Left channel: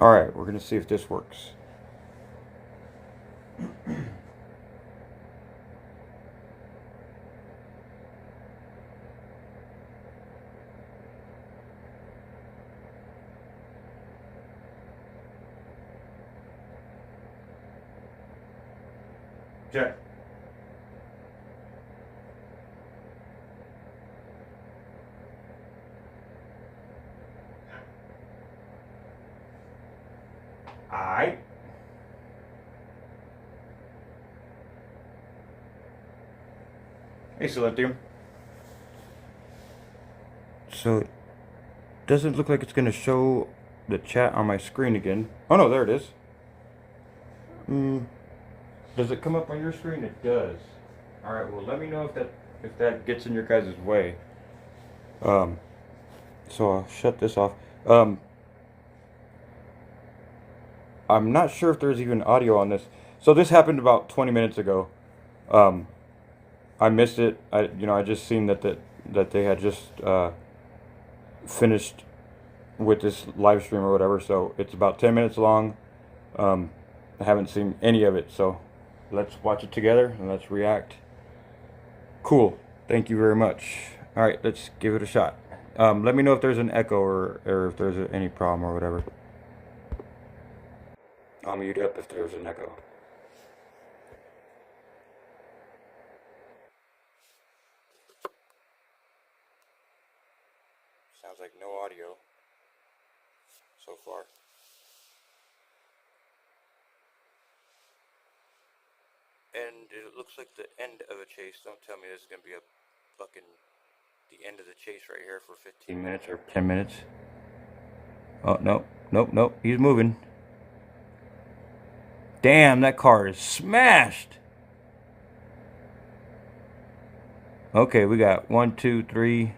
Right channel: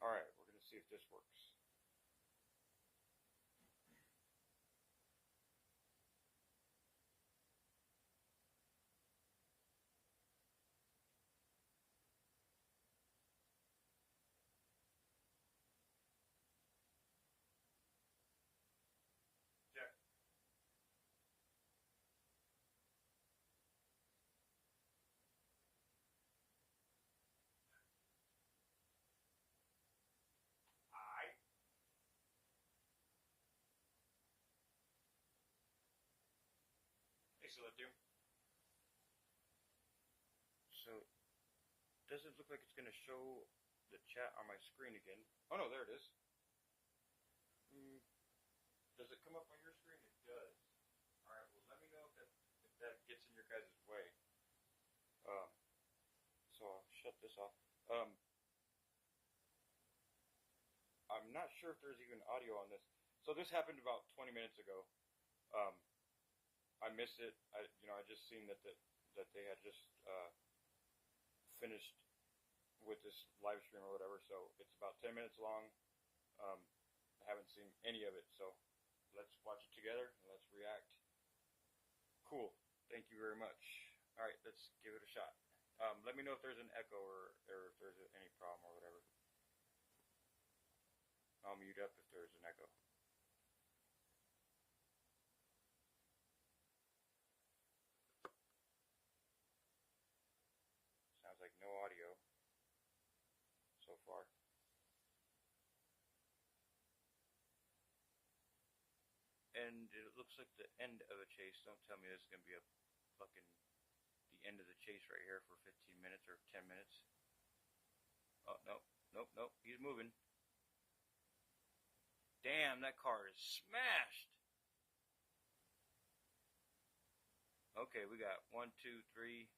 Alright, we're gonna see if this works. Check. Alright. Hey, Celestium. So, it doesn't look like it's gonna show the chat on my screen again. Oh no, there it is. Does it come up on your screen? It does. Alright, well let me know if that gets in your guys' way. Um, so I'll shut this off. Um, I'm not sure if there's even audio on this. So this happened about 20 minutes ago. Um, I missed it. I just seen that they had just finished with this live stream or whatever. So it's about 10 minutes long. Um, I haven't seen any of it. So let's watch it together and let's react. Cool. Thank you very much. All right, let's give it a shot. Let me know if there's an echo or if there's any problem or whatever. I'll mute up if there's an echo. Sounds like no audio so far. And it looks like the end of a chase. Don't tell me this is gonna be a fucking the end of the chase right here for 15 minutes or 10 minutes. Oh no, nope, nope. He's moving. Damn, that car is smashed. Okay, we got 1, 2, 3,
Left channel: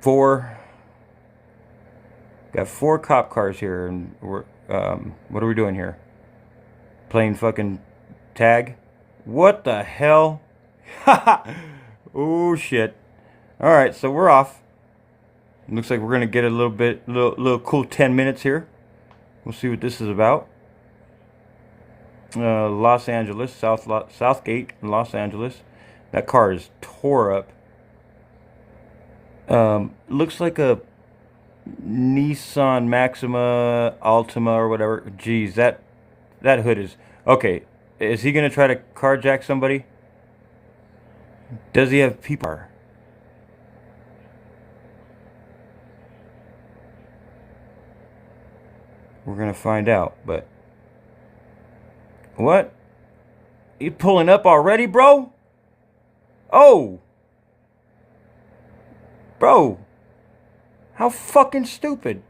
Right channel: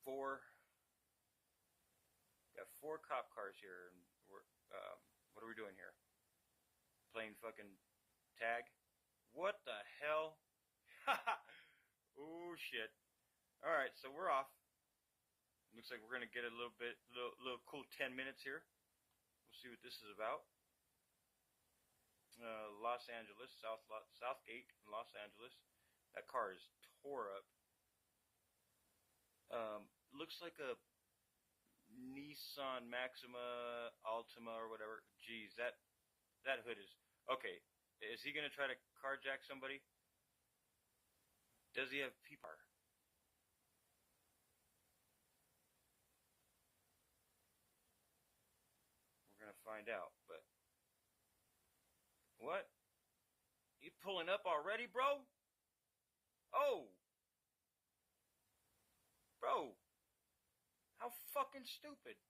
4. Got 4 cop cars here, and we're what are we doing here? Playing fucking tag? What the hell? Oh shit. Alright, so we're off. Looks like we're gonna get a little cool 10 minutes here. We'll see what this is about. Los Angeles, Southgate, Los Angeles. That car is tore up. Looks like a Nissan Maxima Altima or whatever. Geez, that hood is okay. Is he gonna try to carjack somebody? Does he have people? We're gonna find out. But what? You pulling up already, bro? Oh, bro, how fucking stupid!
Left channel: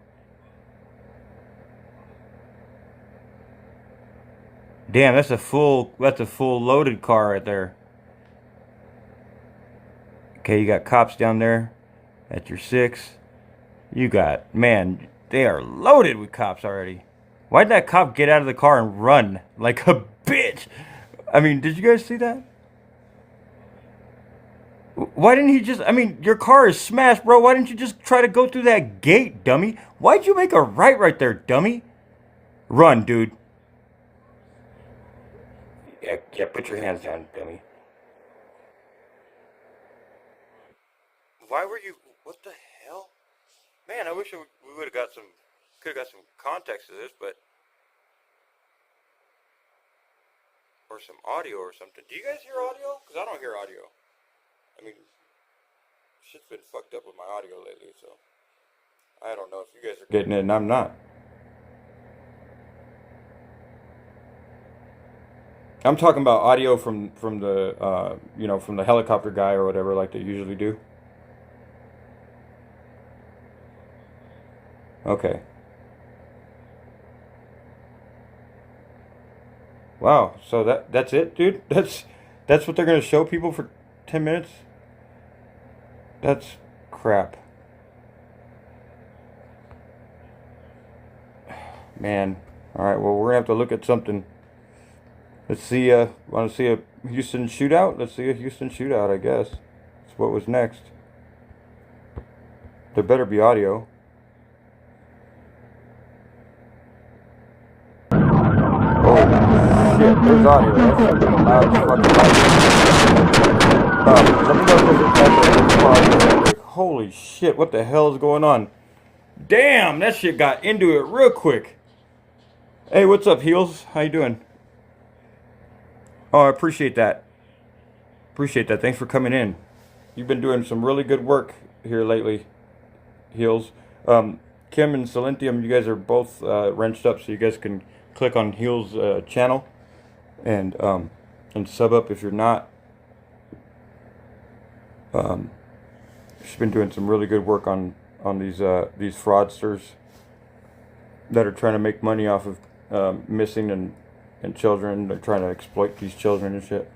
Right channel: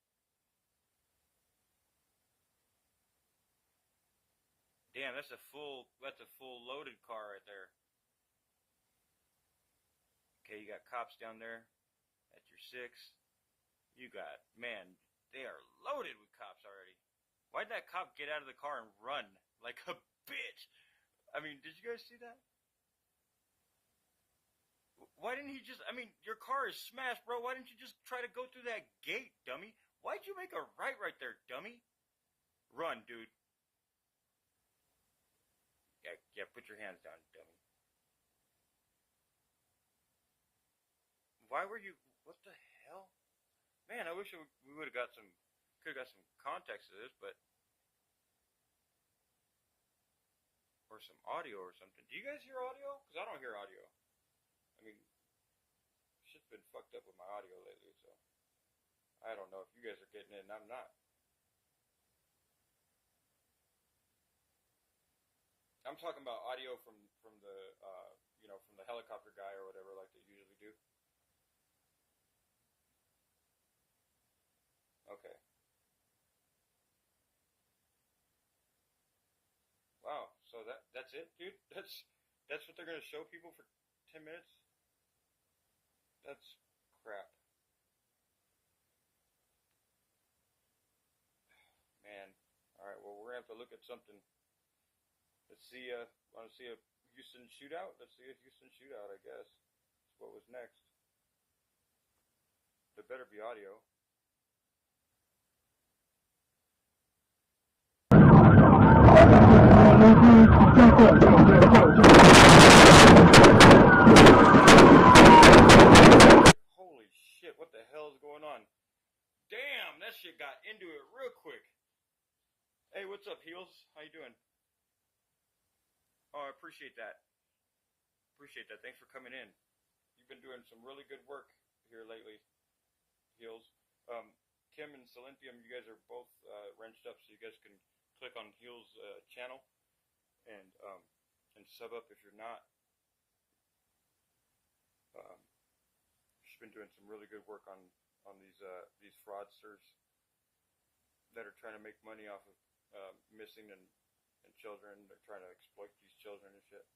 Damn, that's a full loaded car right there. Okay, you got cops down there. At your 6. You got, man, they are loaded with cops already. Why'd that cop get out of the car and run like a bitch? I mean, did you guys see that? Why didn't he just, I mean, your car is smashed, bro. Why didn't you just try to go through that gate, dummy? Why'd you make a right there, dummy? Run, dude. Yeah, put your hands down, dummy. Why were you, what the hell? Man, I wish we would have got could have got some context to this, but, or some audio or something. Do you guys hear audio? Because I don't hear audio. I mean, shit's been fucked up with my audio lately, so I don't know if you guys are getting it and I'm not. I'm talking about audio from the from the helicopter guy or whatever like they usually do. Okay. Wow. So that's it, dude. That's what they're gonna show people for 10 minutes. That's crap, man. All right. Well, we're gonna have to look at something. Let's see. Want to see a Houston shootout? Let's see a Houston shootout. I guess. That's what was next. There better be audio. God, holy shit, what the hell is going on? Damn, that shit got into it real quick. Hey, what's up, Heels? How you doing? Oh, I appreciate that. Appreciate that. Thanks for coming in. You've been doing some really good work here lately, Heels. Um, Kim and Silentium, you guys are both wrenched up, so you guys can click on Heels' channel and sub up if you're not. She's been doing some really good work on these fraudsters that are trying to make money off of missing and children. They're trying to exploit these children and shit.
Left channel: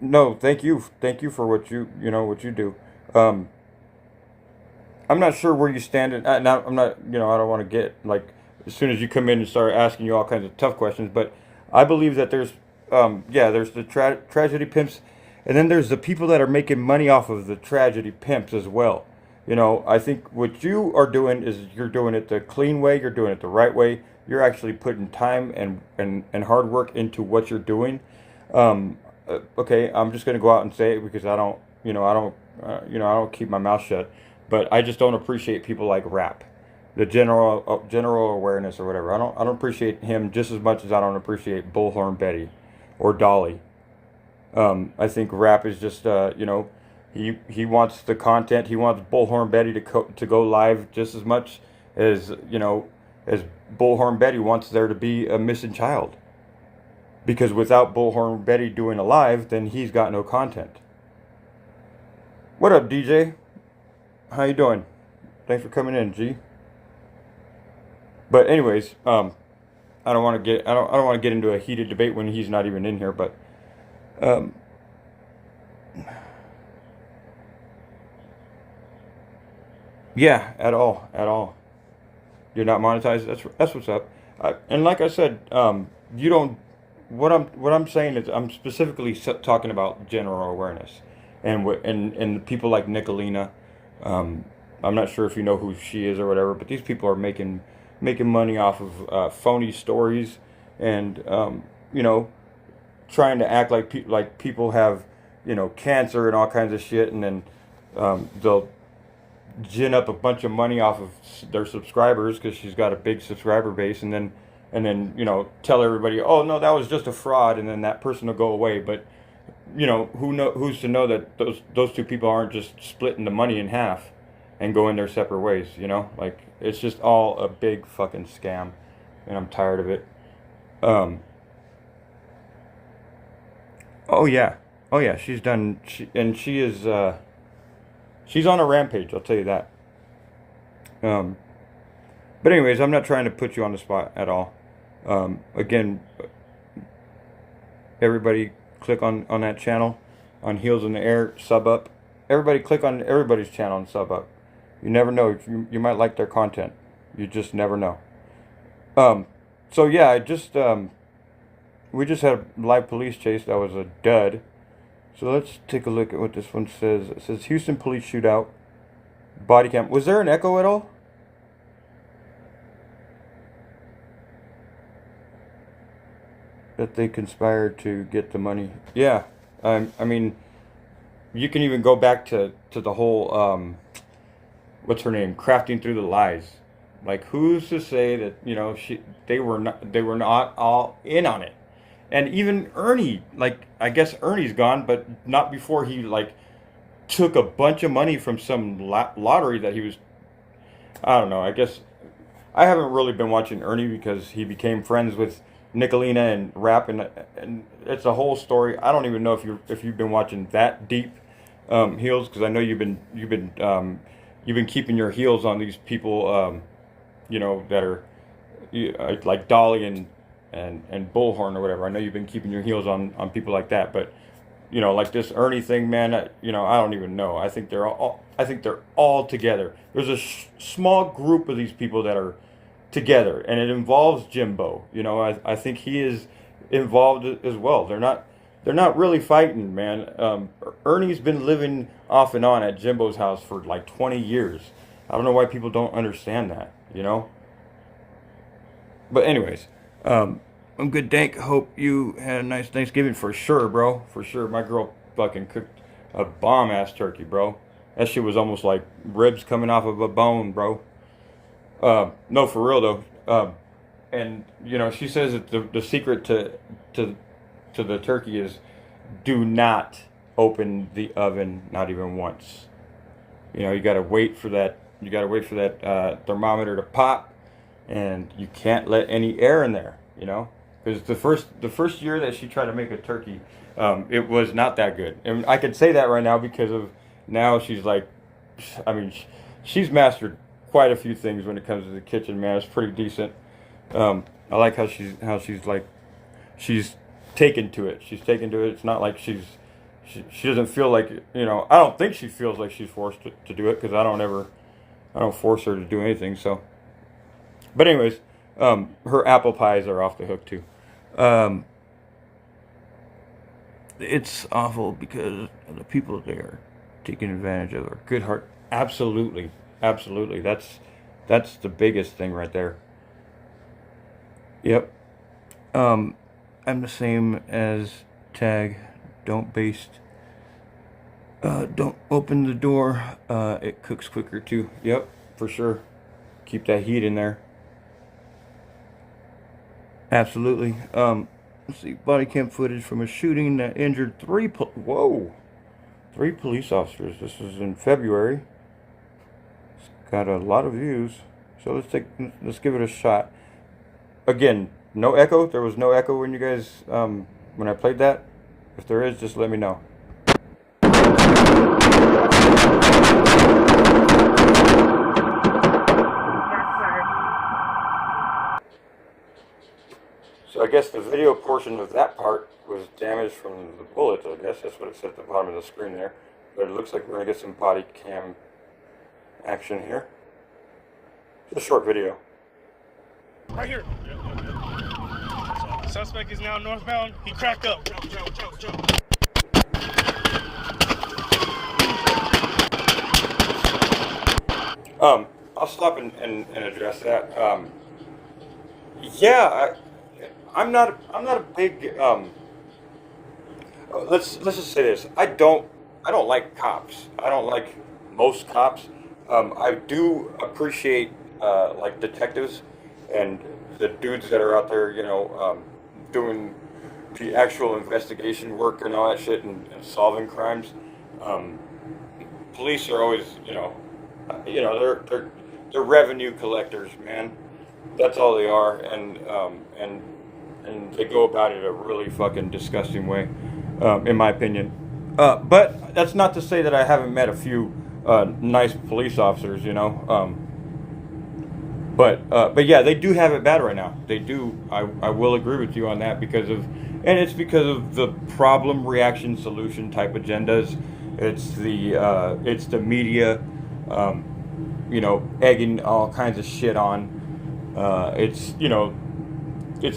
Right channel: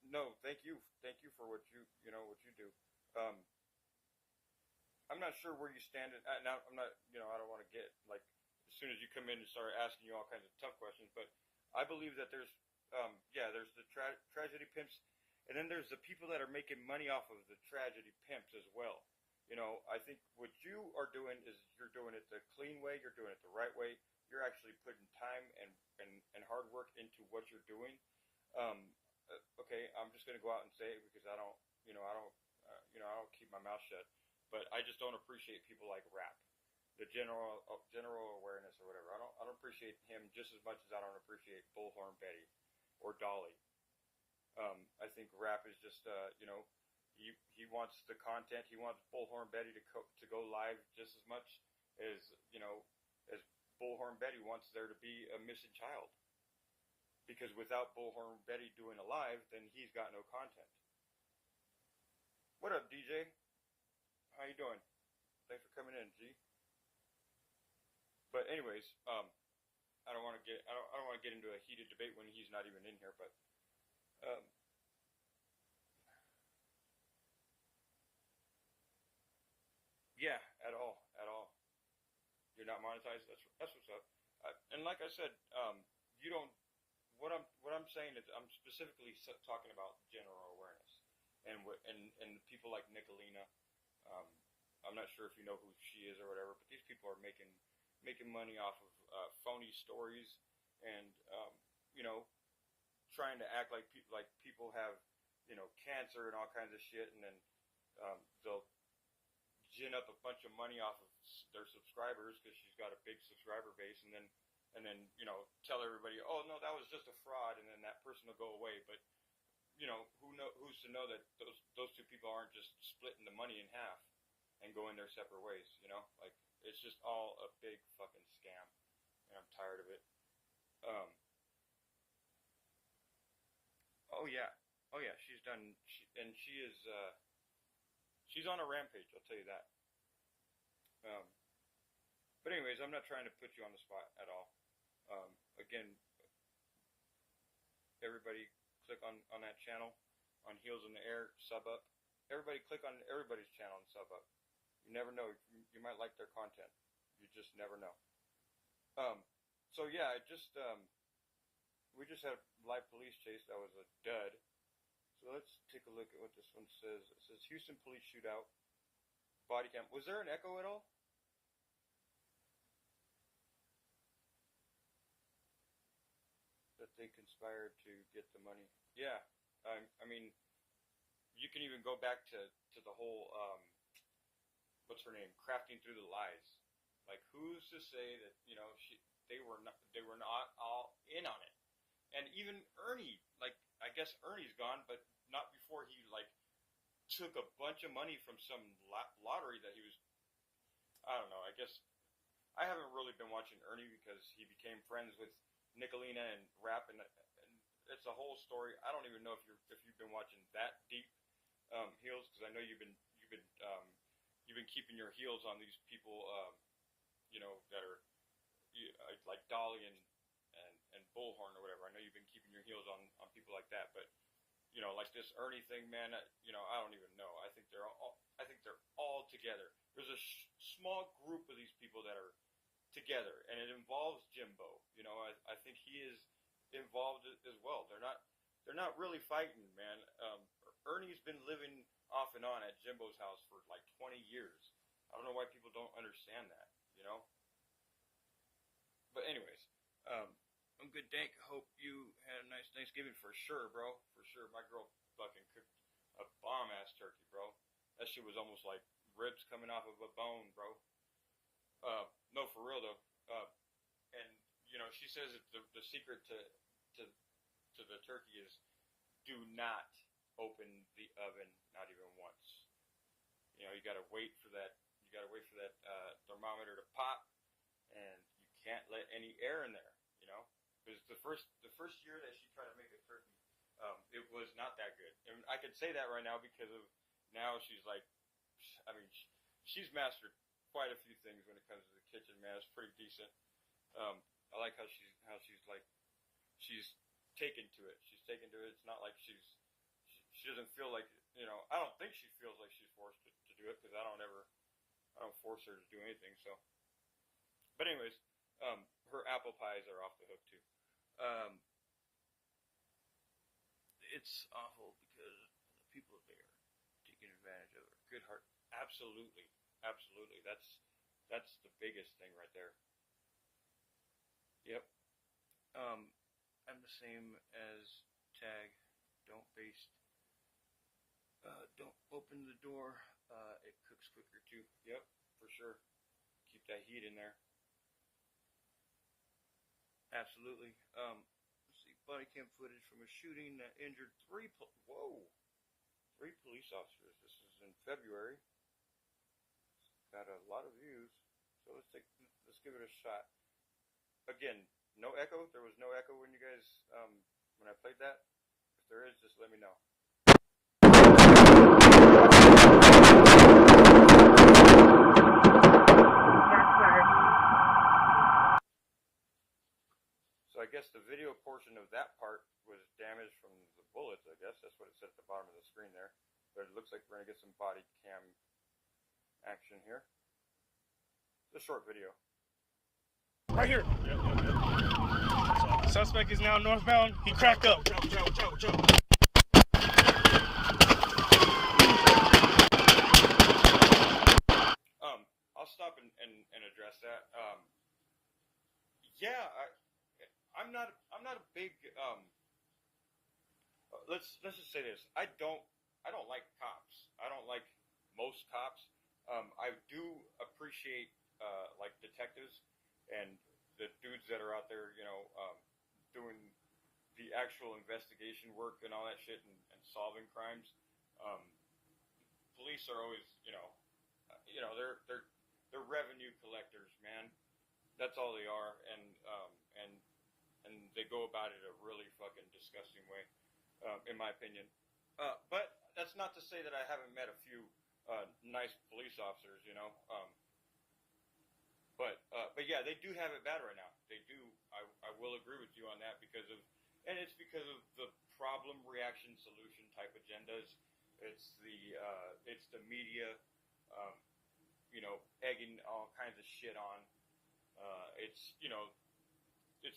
No, thank you for what what you do. Um, I'm not sure where you stand. I'm not, I don't want to get like as soon as you come in and start asking you all kinds of tough questions, but I believe that there's the tragedy pimps, and then there's the people that are making money off of the tragedy pimps as well. I think what you are doing is you're doing it the clean way, you're doing it the right way. You're actually putting time and hard work into what you're doing. Okay, I'm just gonna go out and say it because I don't keep my mouth shut. But I just don't appreciate people like Rap, the general awareness or whatever. I don't appreciate him just as much as I don't appreciate Bullhorn Betty, or Dolly. I think Rap is just he wants the content. He wants Bullhorn Betty to go live just as much as as Bullhorn Betty wants there to be a missing child. Because without Bullhorn Betty doing a live, then he's got no content. What up, DJ? How you doing? Thanks for coming in, G. But anyways, I don't want to get into a heated debate when he's not even in here. But um, yeah, at all. You're not monetized. That's what's up. And like I said, you don't. What I'm saying is I'm specifically talking about general awareness, and people like Nicolina. Um, I'm not sure if you know who she is or whatever, but these people are making money off of phony stories, and trying to act like people have cancer and all kinds of shit, and then they'll gin up a bunch of money off of their subscribers because she's got a big subscriber base, and then tell everybody, oh no, that was just a fraud, and then that person will go away. But who's to know that those two people aren't just splitting the money in half and going their separate ways? Like it's just all a big fucking scam, and I'm tired of it. Um, oh yeah, oh yeah, she is she's on a rampage. I'll tell you that. Um, but anyways, I'm not trying to put you on the spot at all. Again, everybody click on that channel, on Heels in the Air, sub up. Everybody click on everybody's channel and sub up. You never know. You might like their content. You just never know. Um, so yeah, we just had a live police chase that was a dud. So let's take a look at what this one says. It says Houston police shootout, body cam. Was there an echo at all? That they conspired to get the money. Yeah, I mean, you can even go back to the whole what's her name, crafting through the lies. Like, who's to say that they were not all in on it? And even Ernie, like, I guess Ernie's gone, but not before he like took a bunch of money from some lottery that he was. I don't know. I guess I haven't really been watching Ernie because he became friends with Nicolina and Rap, and it's a whole story. I don't even know if you've been watching that deep, Heels, because I know you've been keeping your heels on these people, that are like Dolly and Bullhorn or whatever. I know you've been keeping your heels on people like that, but like this Ernie thing, man. I don't even know. I think they're all together. There's a small group of these people that are together, and it involves Jimbo. I think he is involved as well. They're not really fighting, man. Ernie's been living off and on at Jimbo's house for like 20 years. I don't know why people don't understand that. But anyways, I'm good, Dank. Hope you had a nice Thanksgiving for sure, bro. For sure. My girl fucking cooked a bomb ass turkey, bro. That shit was almost like ribs coming off of a bone, bro. No, for real though. And she says that the secret to to the turkey is do not open the oven, not even once. You gotta wait for that. You gotta wait for that thermometer to pop, and you can't let any air in there. Because the first year that she tried to make a turkey, it was not that good, and I can say that right now because of now she's like, I mean, she's mastered quite a few things when it comes to the kitchen. Man, it's pretty decent. I like how she's like she's taken to it. She's taken to it. It's not like she doesn't feel like I don't think she feels like she's forced to do it because I don't force her to do anything. So, but anyways, her apple pies are off the hook too. Um, it's awful because the people there taking advantage of her good heart. Absolutely, absolutely. That's the biggest thing right there. Yep. Um, I'm the same as Tag. Don't baste. Don't open the door. It cooks quicker too. Yep, for sure. Keep that heat in there. Absolutely. Let's see. Body cam footage from a shooting that injured whoa, three police officers. This was in February. It's got a lot of views. So let's give it a shot. Again, no echo. There was no echo when you guys when I played that. If there is, just let me know. So I guess the video portion of that part was damaged from the bullets. I guess that's what it said at the bottom of the screen there. But it looks like we're gonna get some body cam action here. It's a short video. Right here. Suspect is now northbound. He cracked up. Jump. I'll stop and address that. Yeah, I'm not a big let's just say this. I don't like cops. I don't like most cops. I do appreciate like detectives and the dudes that are out there, doing the actual investigation work and all that shit and solving crimes. Um, Police are always, they're revenue collectors, man. That's all they are, and they go about it a really fucking disgusting way, in my opinion. But that's not to say that I haven't met a few nice police officers, but yeah, they do have it bad right now. They do. I will agree with you on that and it's because of the problem, reaction, solution type agendas. It's the media, um, egging all kinds of shit on. It's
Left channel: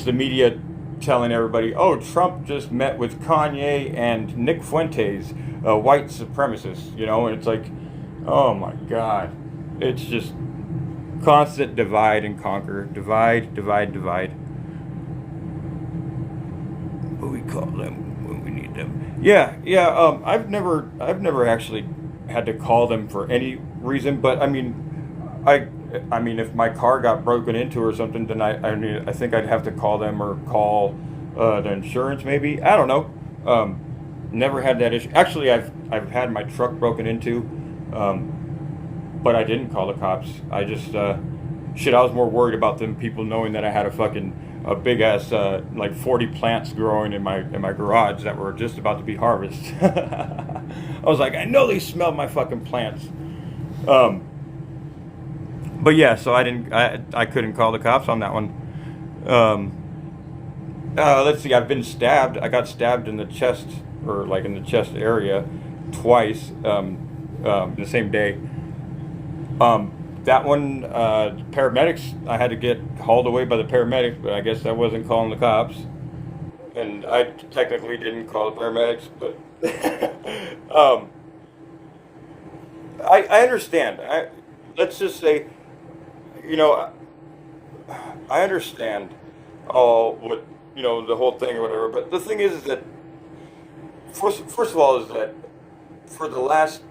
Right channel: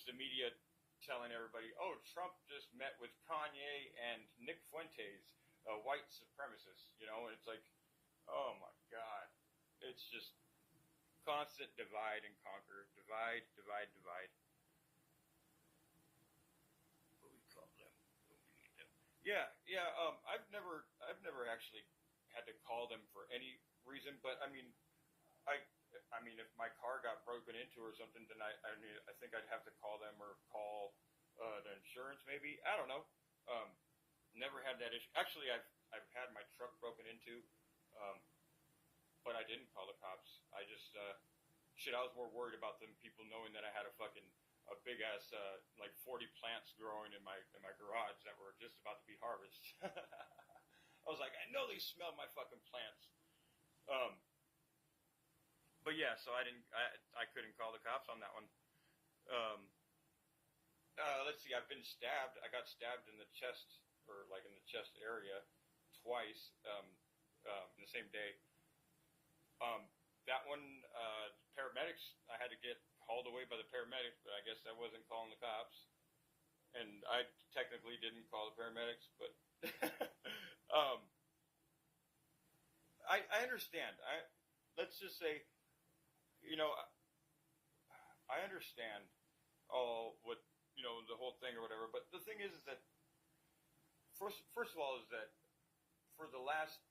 the media telling everybody, oh, Trump just met with Kanye and Nick Fuentes, white supremacists, and it's like, oh my God, it's just constant divide and conquer, divide. What we call them when we need them. Yeah. I've never actually had to call them for any reason, but I, I mean, if my car got broken into or something, then I think I'd have to call them or call the insurance maybe. I don't know. Um, Never had that issue. Actually, I've had my truck broken into. Um, but I didn't call the cops. I just shit. I was more worried about them people knowing that I had a big ass like 40 plants growing in my garage that were just about to be harvested. I was like, I know they smelled my fucking plants. Um, but yeah, so I couldn't call the cops on that one. Um, let's see. I've been stabbed. I got stabbed in the chest or like in the chest area twice the same day. Um, that one, paramedics, I had to get hauled away by the paramedics, but I guess I wasn't calling the cops. And I technically didn't call the paramedics, but um, I understand. Let's just say, you know, I understand all the whole thing or whatever. But the thing is that first of all is that for the last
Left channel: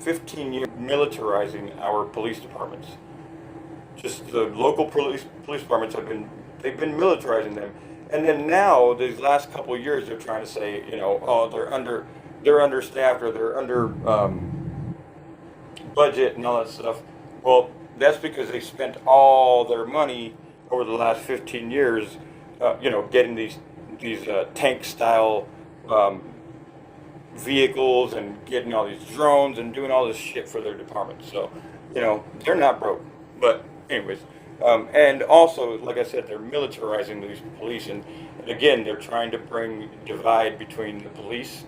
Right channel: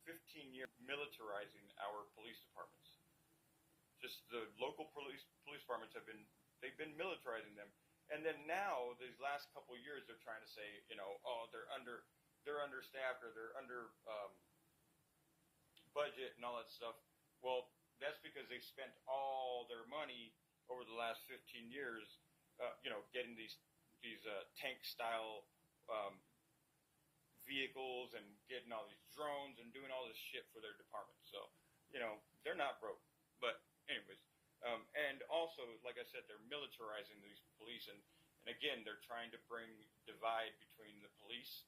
15 years, militarizing our police departments. Just the local police departments they've been militarizing them, and then now these last couple of years they're trying to say, oh, they're understaffed or they're under budget and all that stuff. Well, that's because they spent all their money over the last 15 years, getting these tank style vehicles and getting all these drones and doing all this shit for their department. So, they're not broke. But anyways, and also, like I said, they're militarizing these police, and again, they're trying to bring divide between the police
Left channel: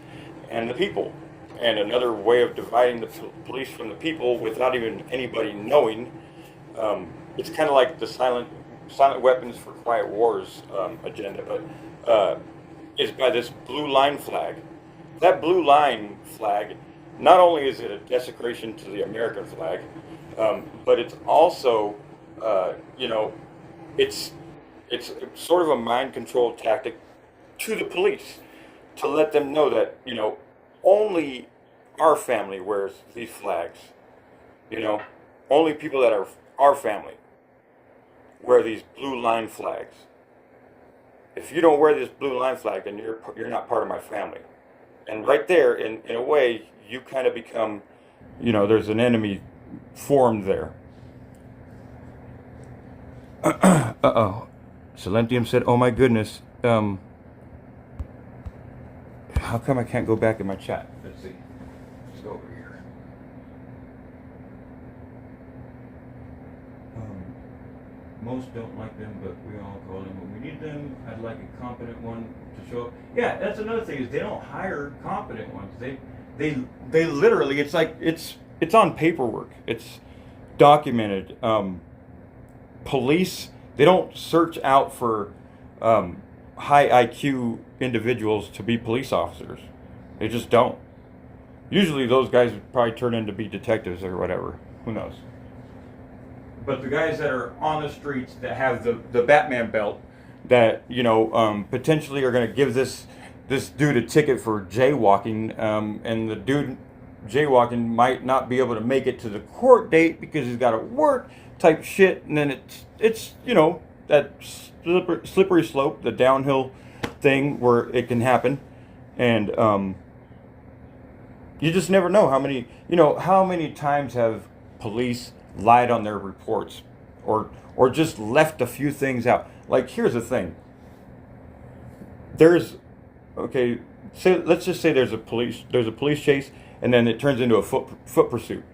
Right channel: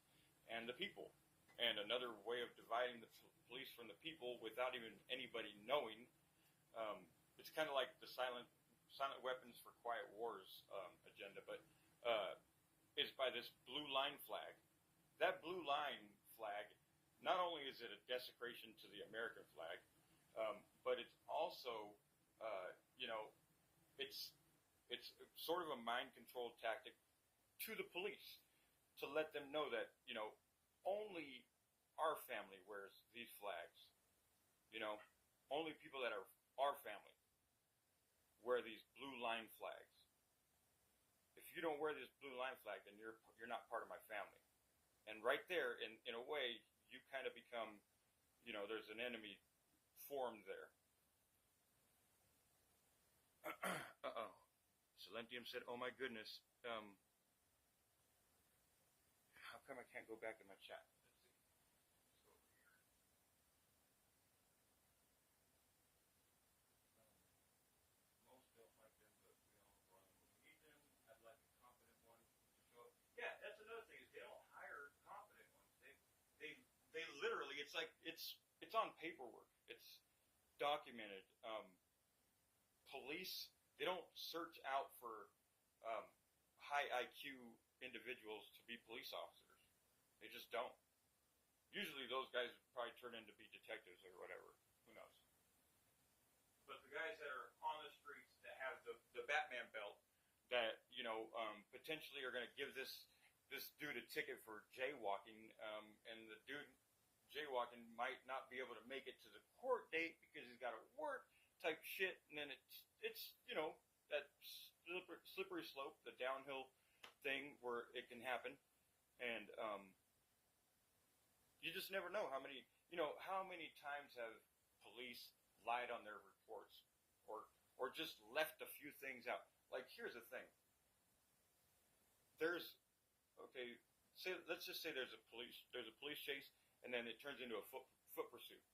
and the people. And another way of dividing the police from the people without even anybody knowing, it's kind of like the silent weapons for quiet wars agenda, but is by this blue line flag. That blue line flag, not only is it a desecration to the American flag, but it's also, it's sort of a mind control tactic to the police to let them know that, only our family wears these flags. Only people that are our family wear these blue line flags. If you don't wear this blue line flag, then you're not part of my family. And right there, in a way, you kind of become, there's an enemy formed there. Uh-oh. Silentium said, oh my goodness. How come I can't go back in my chat? Let's see. Let's go over here. Most don't like them, but we all call them when we need them. I'd like a competent one to show up. Yeah, that's another thing is they don't hire competent ones. They literally, it's like it's on paperwork. It's documented. Police, they don't search out for high IQ individuals to be police officers. They just don't. Usually those guys would probably turn in to be detectives or whatever. Who knows? But the guys that are on the streets that have the Batman belt that, potentially are going to give this dude a ticket for jaywalking, and the dude jaywalking might not be able to make it to the court date because he's got to work type shit, and then it's that slippery slope, the downhill thing where it can happen, and you just never know how many times have police lied on their reports or just left a few things out. Like, here's the thing. Let's just say there's a police chase, and then it turns into a foot pursuit,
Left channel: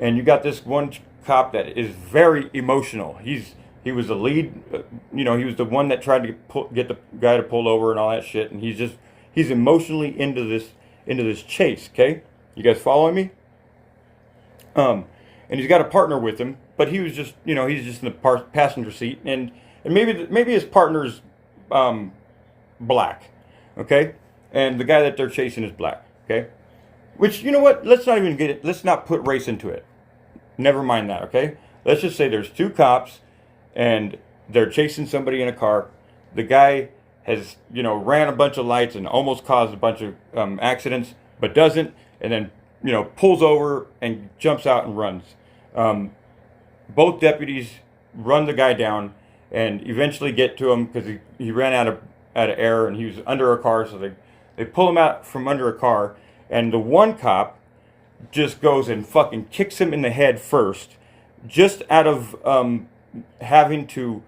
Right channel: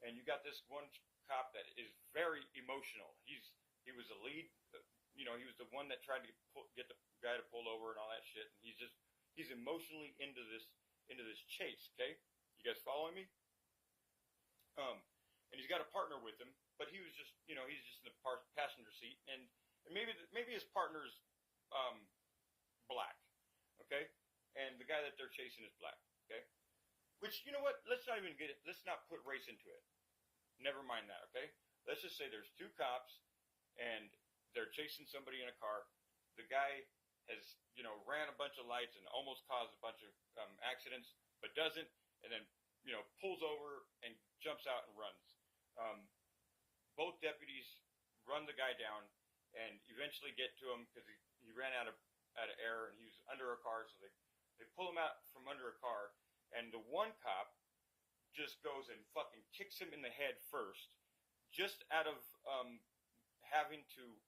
and you got this one cop that is very emotional. He was the lead, he was the one that tried to get the guy to pull over and all that shit, and he's emotionally into this chase. Okay, you guys following me? And he's got a partner with him, but he was just, he's just in the passenger seat, and maybe his partner's black, okay, and the guy that they're chasing is black, okay, which, you know what? Let's not put race into it. Never mind that, okay? Let's just say there's two cops, and they're chasing somebody in a car. The guy has, ran a bunch of lights and almost caused a bunch of accidents, but doesn't, and then, pulls over and jumps out and runs. Both deputies run the guy down and eventually get to him because he ran out of air and he was under a car, so they pull him out from under a car, and the one cop just goes and fucking kicks him in the head first, just out of having to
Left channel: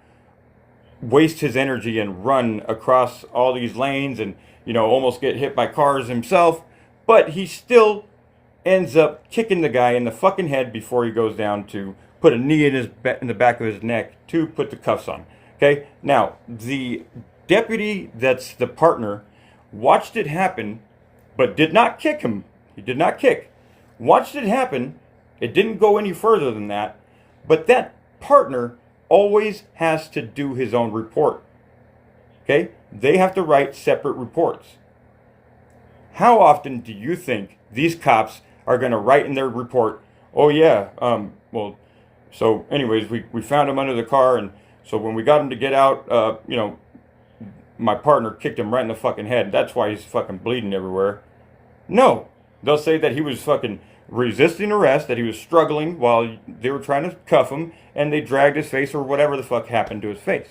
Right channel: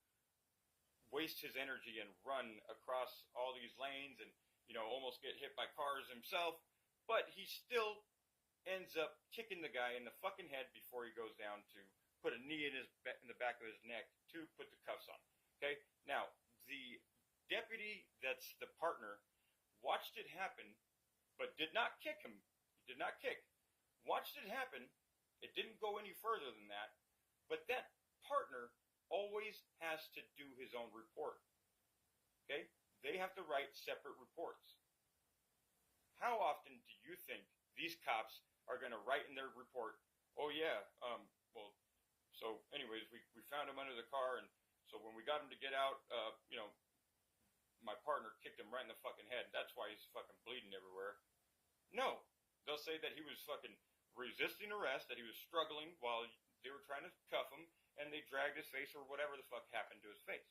waste his energy and run across all these lanes and, almost get hit by cars himself, but he still ends up kicking the guy in the fucking head before he goes down to put a knee in the back of his neck to put the cuffs on. Okay? Now, the deputy that's the partner watched it happen, but did not kick him. He did not kick. Watched it happen. It didn't go any further than that. But that partner always has to do his own report. Okay? They have to write separate reports. How often do you think these cops are going to write in their report, oh yeah, so anyways, we found him under the car, and so when we got him to get out, my partner kicked him right in the fucking head. That's why he's fucking bleeding everywhere. No. They'll say that he was fucking resisting arrest, that he was struggling while they were trying to cuff him, and they dragged his face or whatever the fuck happened to his face.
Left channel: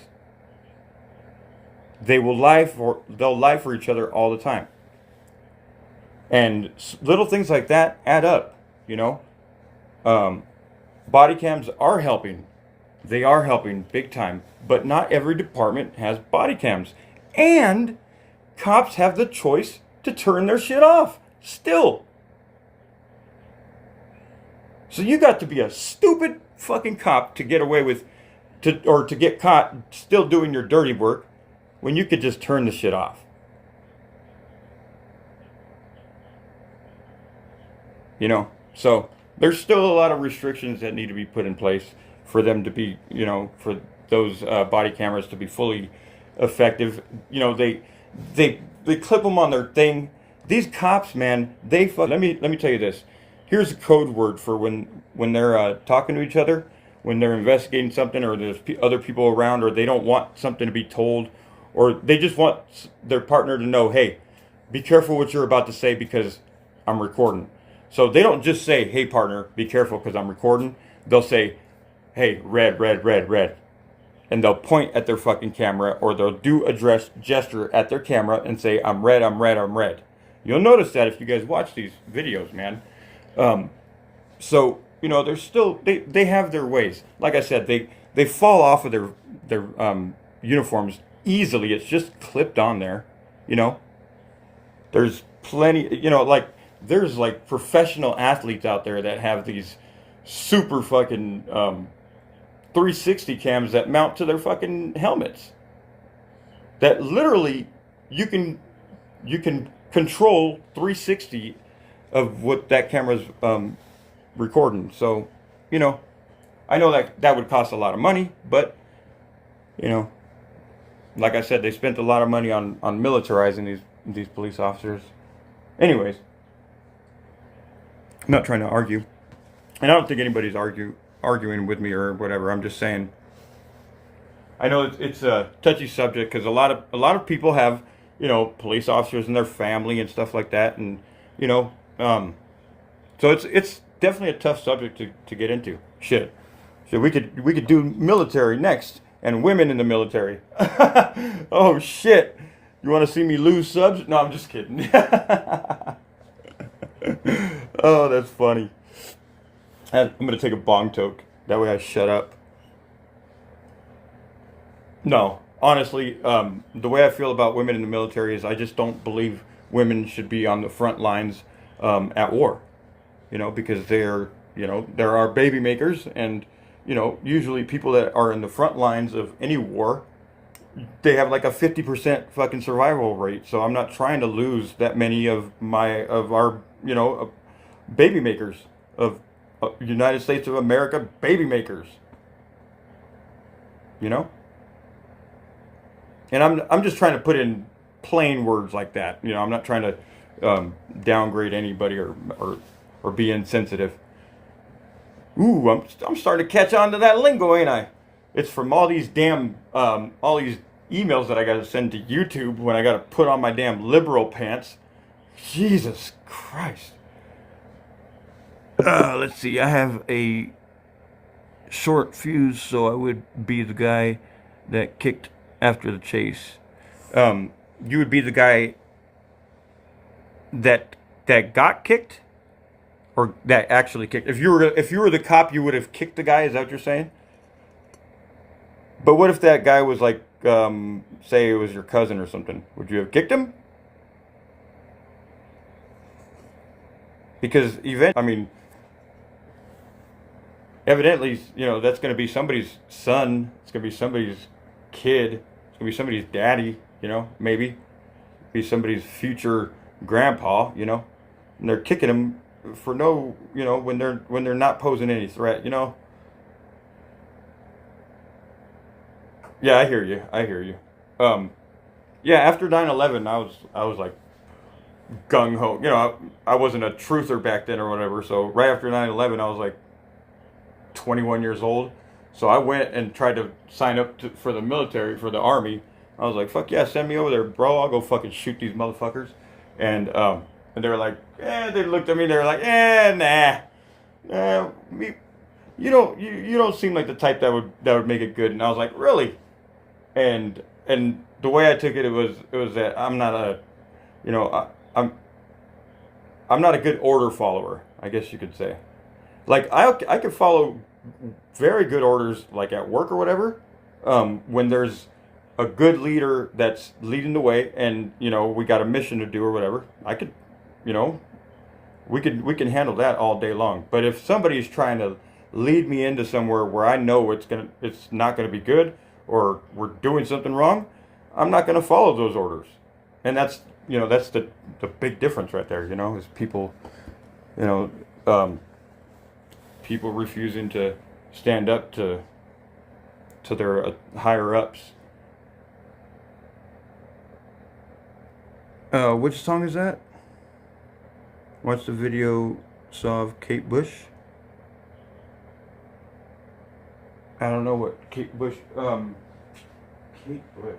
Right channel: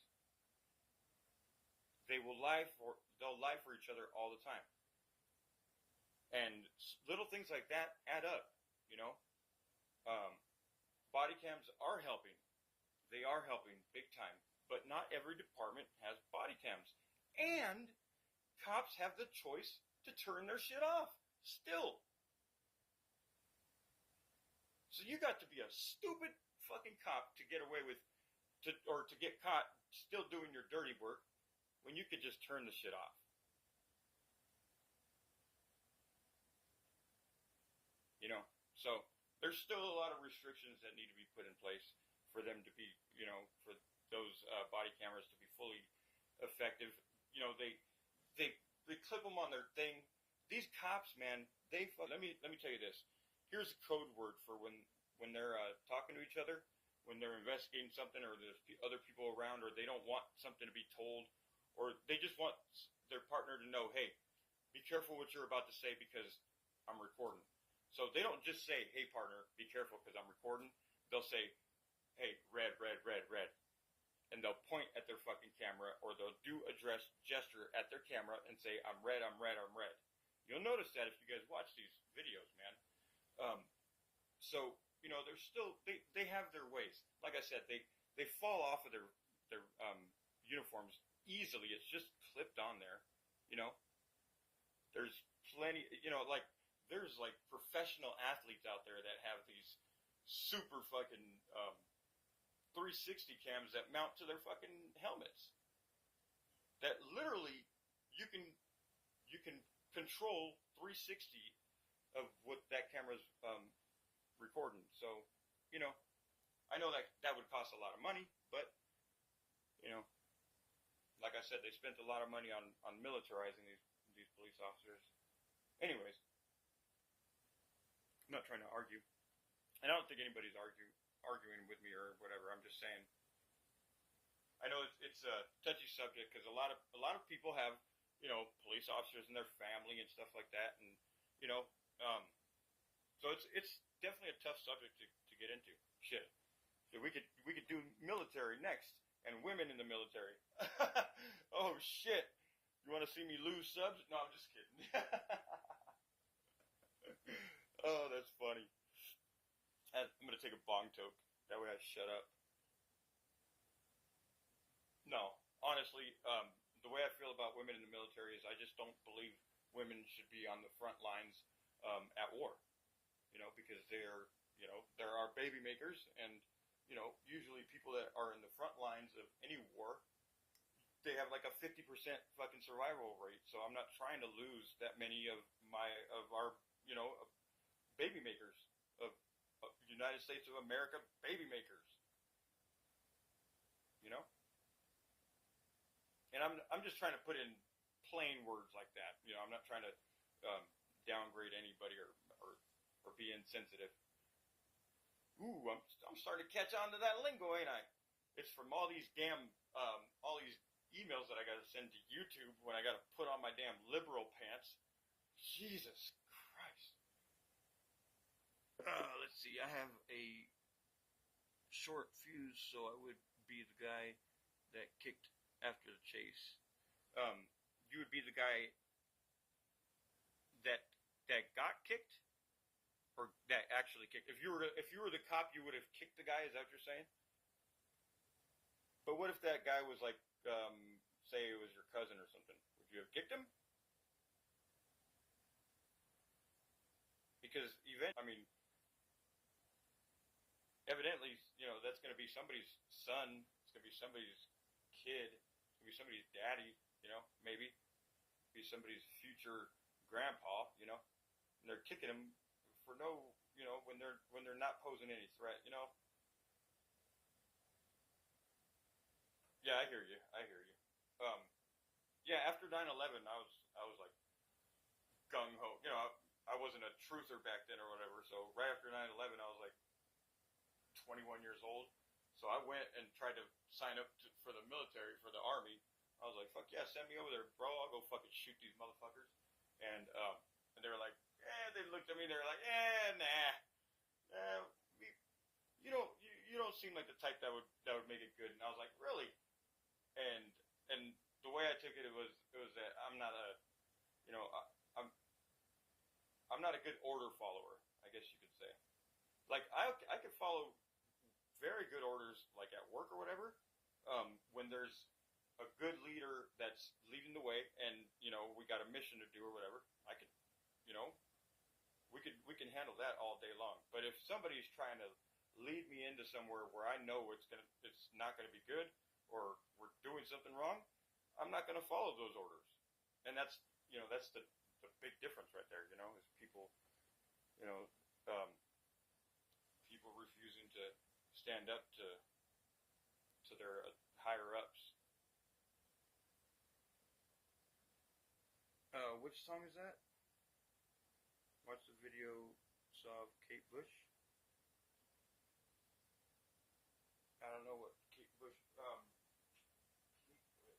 They'll lie for each other all the time. And little things like that add up, you know. Body cams are helping. They are helping big time. But not every department has body cams. And cops have the choice to turn their shit off. Still. So you got to be a stupid fucking cop to get away with, to get caught still doing your dirty work when you could just turn the shit off. You know, so there's still a lot of restrictions that need to be put in place for them to be, you know, for those body cameras to be fully effective. You know, they clip them on their thing. These cops, man, let me tell you this. Here's a code word for when they're talking to each other, when they're investigating something, or there's other people around, or they don't want something to be told, or they just want their partner to know, hey, be careful what you're about to say because I'm recording. So they don't just say, hey, partner, be careful because I'm recording. They'll say, hey, red, red, red, red. And they'll point at their fucking camera, or they'll do a gesture at their camera and say, I'm red, I'm red, I'm red. You'll notice that if you guys watch these videos, man. So, you know, they're still, they have their ways. Like I said, they fall off of their uniforms easily. It's just clipped on there, you know. There's plenty, you know, like, there's like professional athletes out there that have these super fucking 360 cams that mount to their fucking helmets. That literally you can control 360 of what that camera's recording. So, you know, I know that would cost a lot of money, but you know, like I said, they spent a lot of money on militarizing these police officers. Anyways, I'm not trying to argue, and I don't think anybody's arguing with me or whatever. I'm just saying. I know it's a touchy subject because a lot of people have, you know, police officers and their family and stuff like that, and you know, so it's definitely a tough subject to get into. Shit, so we could do military next and women in the military. Oh shit, you want to see me lose subs? No, I'm just kidding. Oh, that's funny. I'm gonna take a bong toke. That way I shut up. No, honestly, the way I feel about women in the military is I just don't believe women should be on the front lines at war. You know, because they're, you know, there are baby makers, and you know, usually people that are in the front lines of any war, they have like a 50% fucking survival rate. So I'm not trying to lose that many of our, you know, baby makers, of United States of America baby makers. You know? And I'm just trying to put in plain words like that. You know, I'm not trying to downgrade anybody or be insensitive. Ooh, I'm starting to catch on to that lingo, ain't I? It's from all these damn all these emails that I got to send to YouTube when I got to put on my damn liberal pants. Jesus Christ. Let's see. I have a short fuse, so I would be the guy that kicked after the chase. You would be the guy that got kicked, or that actually kicked. If you were the cop, you would have kicked the guy. Is that what you're saying? But what if that guy was like, say it was your cousin or something? Would you have kicked him? Because evidently, you know, that's going to be somebody's son. It's going to be somebody's kid. It's going to be somebody's daddy, you know, maybe. Be somebody's future grandpa, you know. And they're kicking him for no, you know, when they're not posing any threat, you know. Yeah, I hear you. Yeah, after 9/11, I was like gung ho. You know, I wasn't a truther back then or whatever. So right after 9/11, I was like 21 years old. So I went and tried to sign up for the military, for the army, I was like, fuck yeah, send me over there, bro. I'll go fucking shoot these motherfuckers. And they were like, they looked at me. They were like, me, you don't seem like the type that would make it good. And I was like, really? And the way I took it, it was that I'm not a, you know, I'm not a good order follower, I guess you could say. Like I could follow very good orders, like at work or whatever, when there's a good leader that's leading the way, and we got a mission to do or whatever. I could, you know, we can handle that all day long. But if somebody's trying to lead me into somewhere where I know it's not gonna be good, or we're doing something wrong, I'm not gonna follow those orders. And that's the big difference right there. Is people, you know, um, people refusing to stand up to their higher ups. Which song is that? Watch the video saw of Kate Bush. I don't know what Kate Bush. Kate Bush.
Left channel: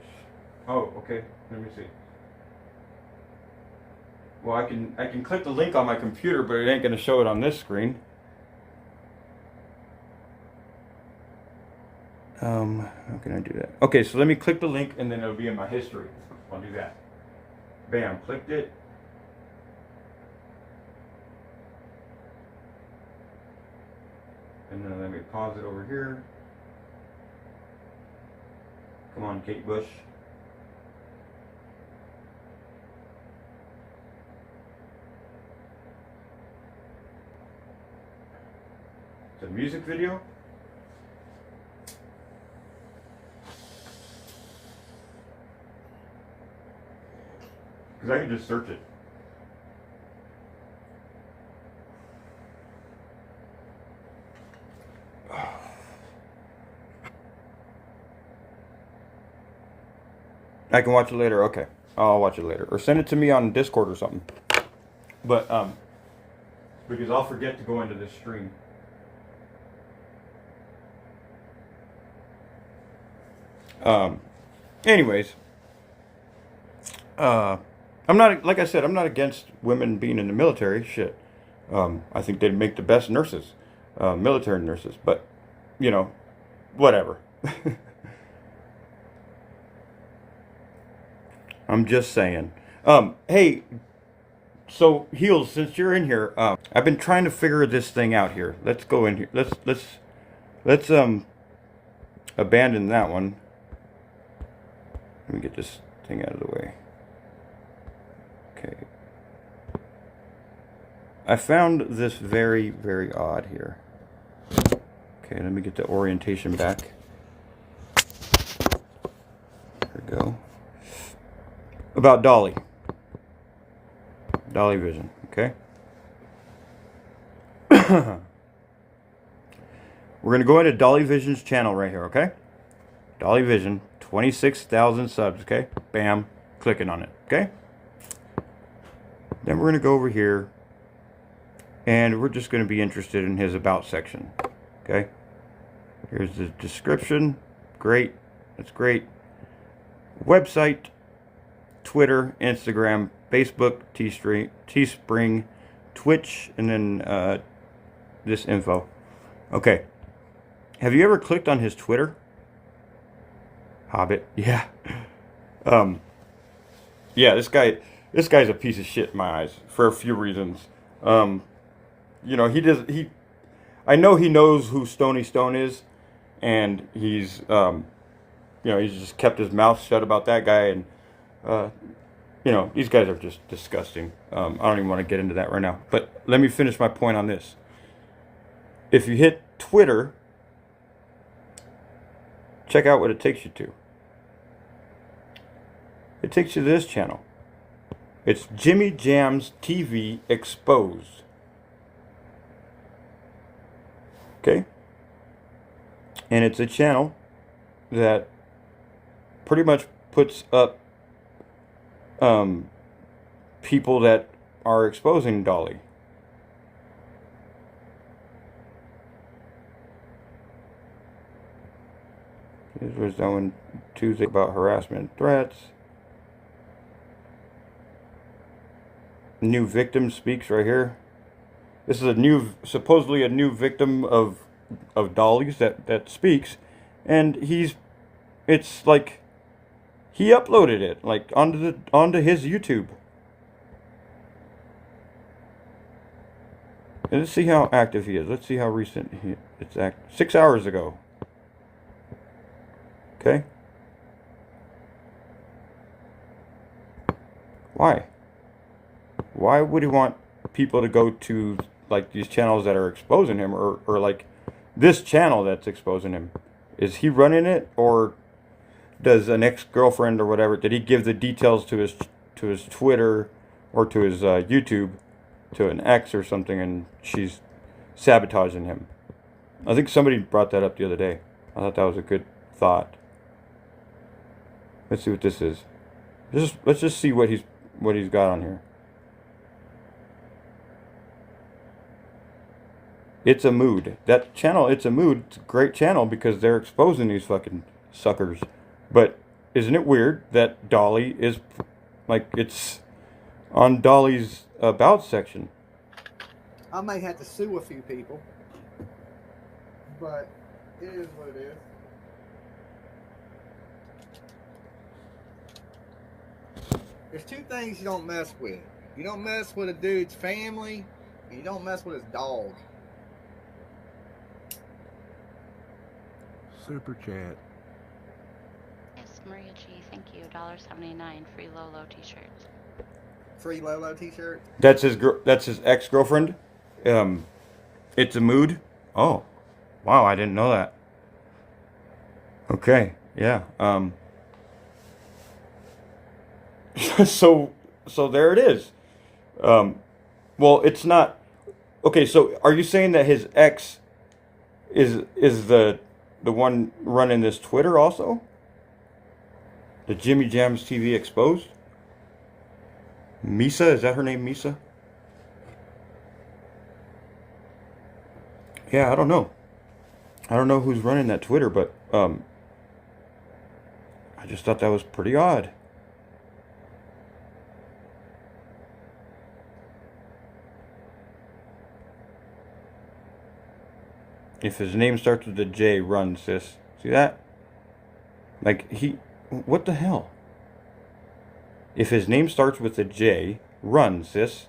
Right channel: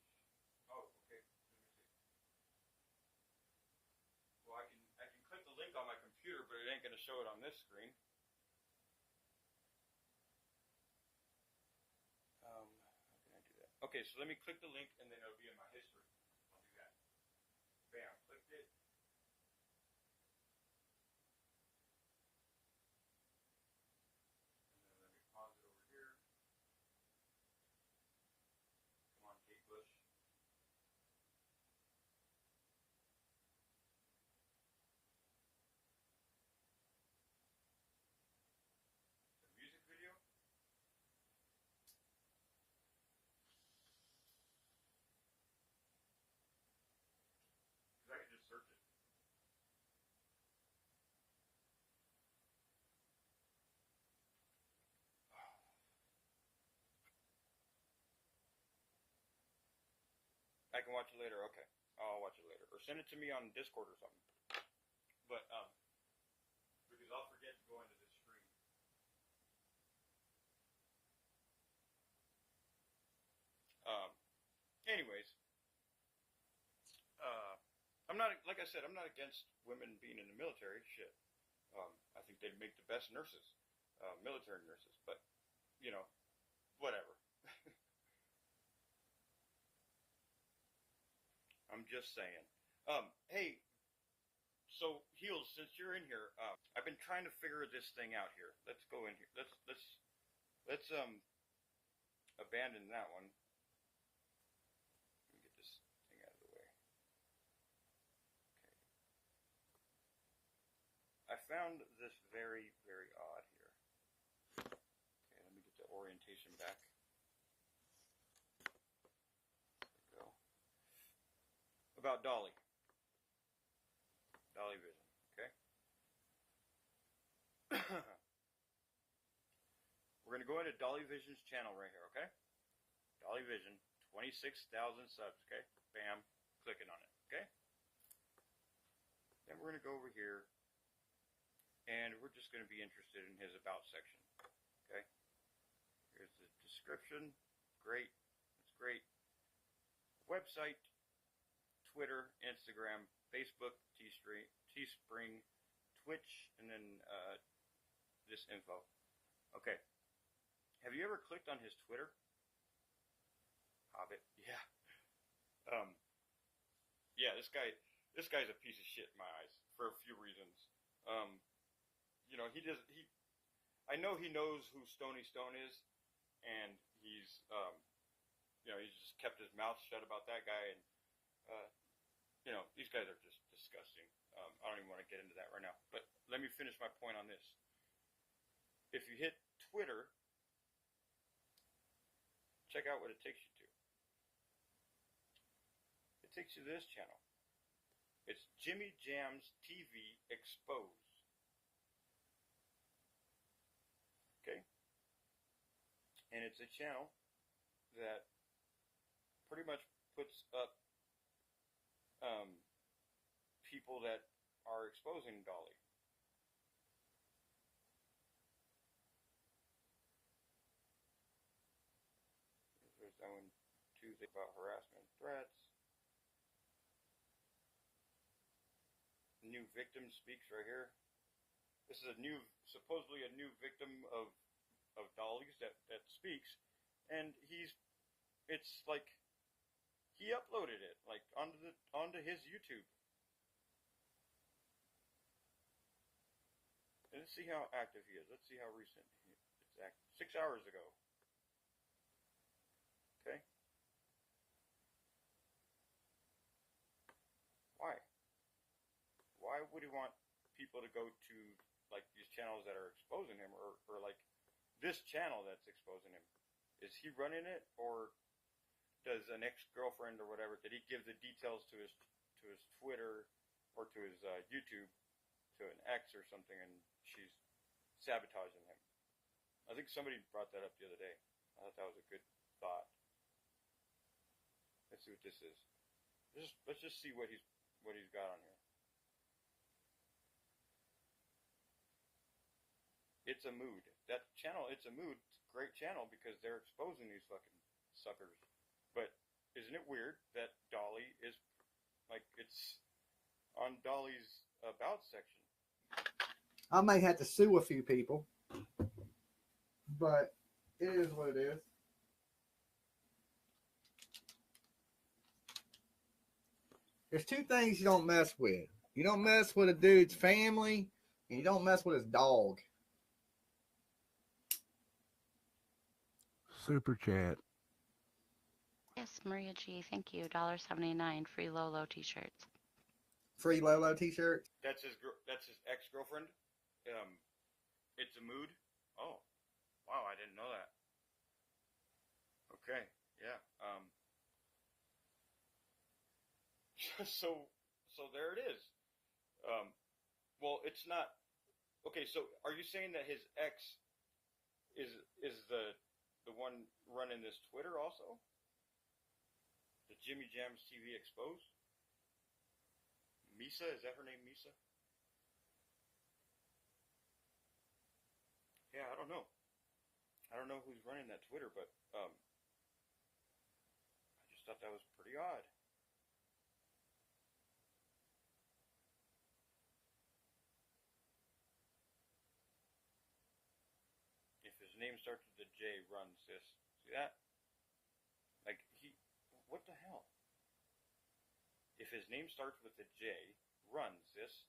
Oh, okay. Let me see. Well, I can click the link on my computer, but it ain't gonna show it on this screen. How can I do that? Okay, so let me click the link, and then it'll be in my history. I'll do that. Bam, clicked it. And then let me pause it over here. Come on, Kate Bush. It's a music video. Because I can just search it. I can watch it later. Okay, I'll watch it later, or send it to me on Discord or something. But because I'll forget to go into this stream. Anyways, I'm not, like I said, I'm not against women being in the military. Shit, I think they'd make the best nurses, military nurses. But whatever. I'm just saying. Hey, so Heels, since you're in here, I've been trying to figure this thing out here. Let's go in here. Let's abandon that one. Let me get this thing out of the way. Okay. I found this very, very odd here. Okay, let me get the orientation back. There we go. About Dolly. Dolly Vision, okay? We're going to go into Dolly Vision's channel right here, okay? Dolly Vision, 26,000 subs, okay? Bam, clicking on it, okay? Then we're going to go over here, and we're just going to be interested in his About section, okay? Here's the description. Great. That's great. Website, Twitter, Instagram, Facebook, Teespring, Twitch, and then this info. Okay. Have you ever clicked on his Twitter? Hobbit. Yeah. Yeah, this guy's a piece of shit in my eyes for a few reasons. I know he knows who Stony Stone is, and he's just kept his mouth shut about that guy, and these guys are just disgusting. I don't even want to get into that right now. But let me finish my point on this. If you hit Twitter, check out what it takes you to. It takes you to this channel. It's Jimmy Jams TV Exposed. Okay? And it's a channel that pretty much puts up people that are exposing Dolly. This was done on Tuesday about harassment and threats. New victim speaks right here. This is supposedly a new victim of Dolly's that speaks, and it's like he uploaded it like onto his YouTube. And let's see how active he is. Let's see how recent it's 6 hours ago. Okay. Why? Why would he want people to go to like these channels that are exposing him, or like this channel that's exposing him? Is he running it, or does an ex-girlfriend or whatever, did he give the details to his Twitter or to his YouTube to an ex or something, and she's sabotaging him? I think somebody brought that up the other day. I thought that was a good thought. Let's see what this is. Let's just see what he's got on here. It's a Mood. That channel, It's a Mood, it's a great channel because they're exposing these fucking suckers. But isn't it weird that Dolly is, like, it's on Dolly's about section? I may have to sue a few people, but it is what it is. There's two things you don't mess with. You don't mess with a dude's family, and you don't mess with his dog. Super chat. Yes, Maria G, thank you. $1.79 free Lolo t-shirts. Free Lolo t-shirt. That's his ex-girlfriend. It's a Mood. Oh, wow! I didn't know that. Okay, yeah. So there it is. Well, it's not. Okay, so are you saying that his ex is the one running this Twitter also? The Jimmy Jams TV Exposed? Misa, is that her name, Misa? Yeah, I don't know. I don't know who's running that Twitter, but I just thought that was pretty odd. If his name starts with a J, run, sis. See that? Like, what the hell? If his name starts with a J, run, sis.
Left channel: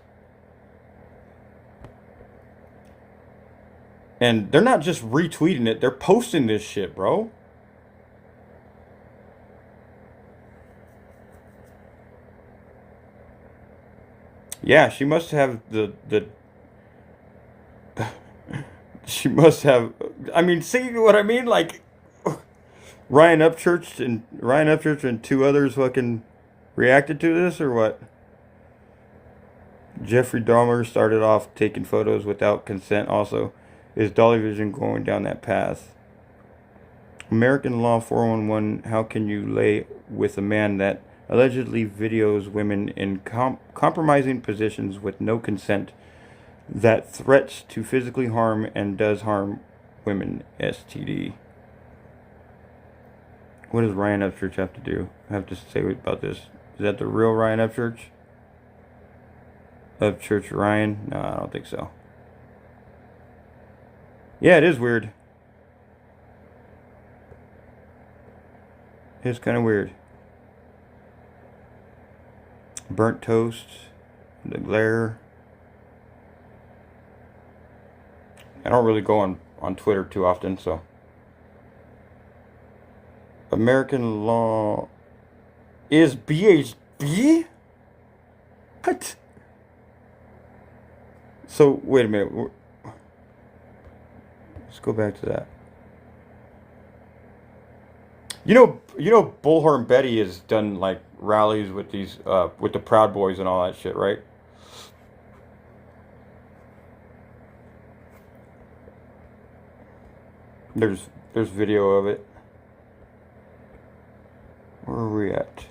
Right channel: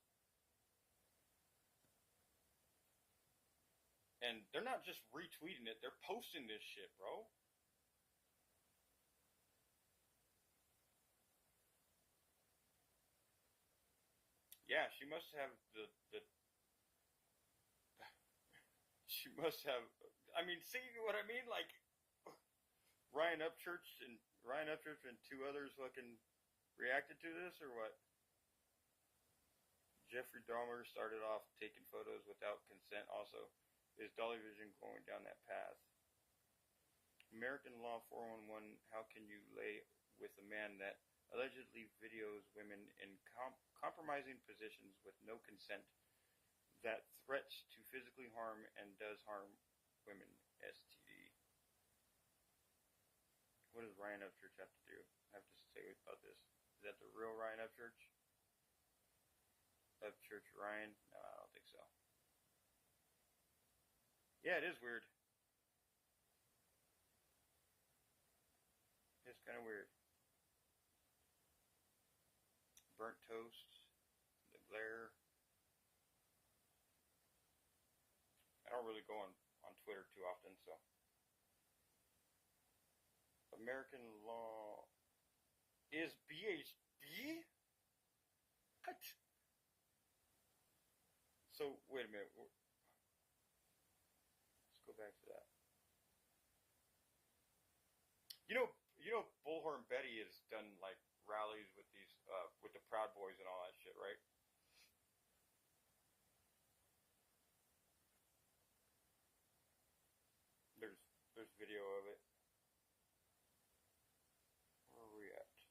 And they're not just retweeting it, they're posting this shit, bro. Yeah, she must have the she must have, I mean, see what I mean? Like, Ryan Upchurch and two others fucking reacted to this, or what? Jeffrey Dahmer started off taking photos without consent also. Is Dolly Vision going down that path? American Law 411, how can you lay with a man that allegedly videos women in compromising positions with no consent, that threats to physically harm and does harm women? STD. What does Ryan Upchurch have to do? I have to say about this. Is that the real Ryan Upchurch? Upchurch Ryan? No, I don't think so. Yeah, it is weird. It's kind of weird. Burnt toast. The glare. I don't really go on Twitter too often, so. American Law is BHB? What? So, wait a minute. Let's go back to that. You know, Bullhorn Betty has done like rallies with these, with the Proud Boys and all that shit, right? There's video of it. Where are we at?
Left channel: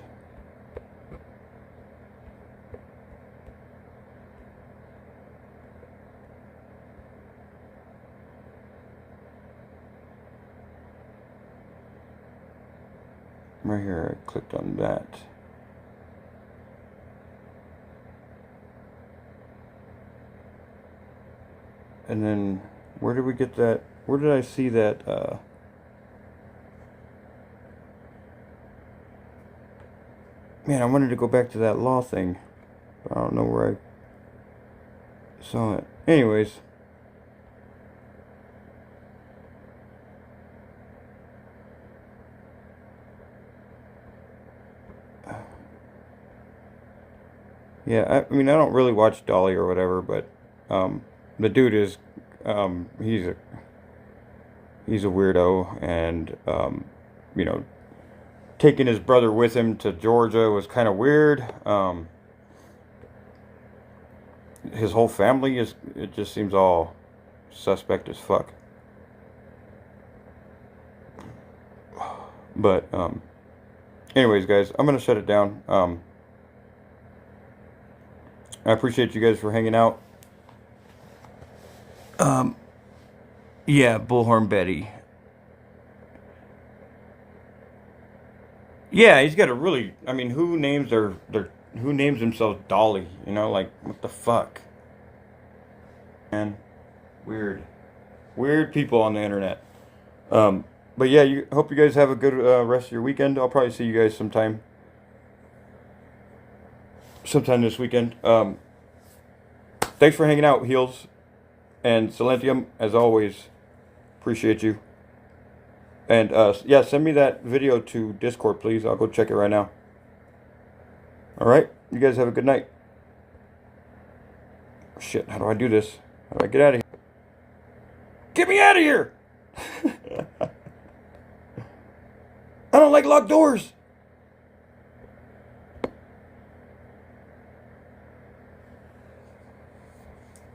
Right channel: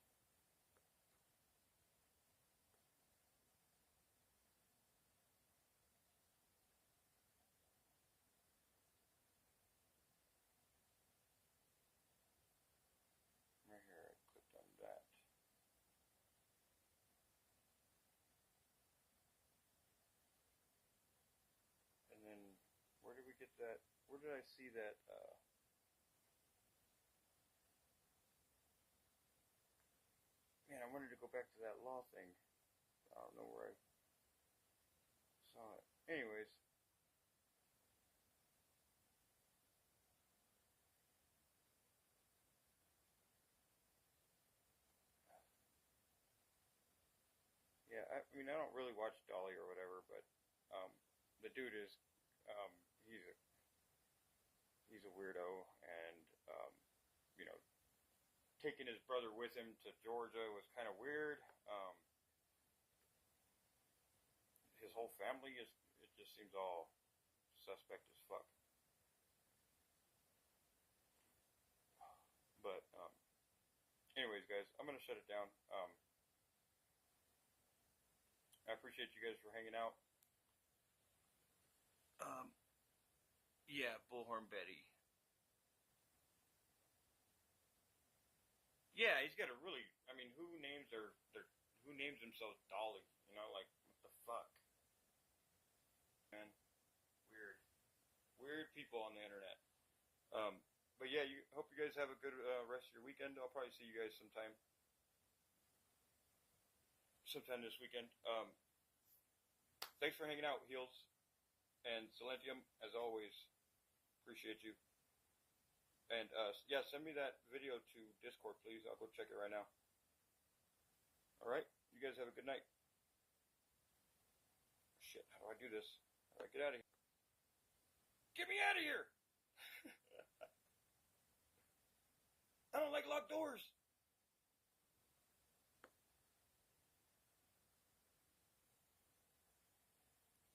Right here, I clicked on that. And then, where did we get that? Where did I see that? Man, I wanted to go back to that law thing. But I don't know where I saw it. Anyways. Yeah, I mean, I don't really watch Dolly or whatever, but the dude is, he's a weirdo, and you know, taking his brother with him to Georgia was kind of weird. His whole family it just seems all suspect as fuck. But anyways, guys, I'm gonna shut it down. I appreciate you guys for hanging out. Yeah, Bullhorn Betty. Yeah, he's got a really. I mean, who names who names themselves Dolly? You know, like what the fuck? Man, weird people on the internet. But yeah, hope you guys have a good rest of your weekend. I'll probably see you guys sometime this weekend. Thanks for hanging out, Heels and Silentium, as always. Appreciate you. And yeah, send me that video to Discord, please. I'll go check it right now. All right, you guys have a good night. Shit, how do I do this? How do I get out of here? Get me out of here! I don't like locked doors.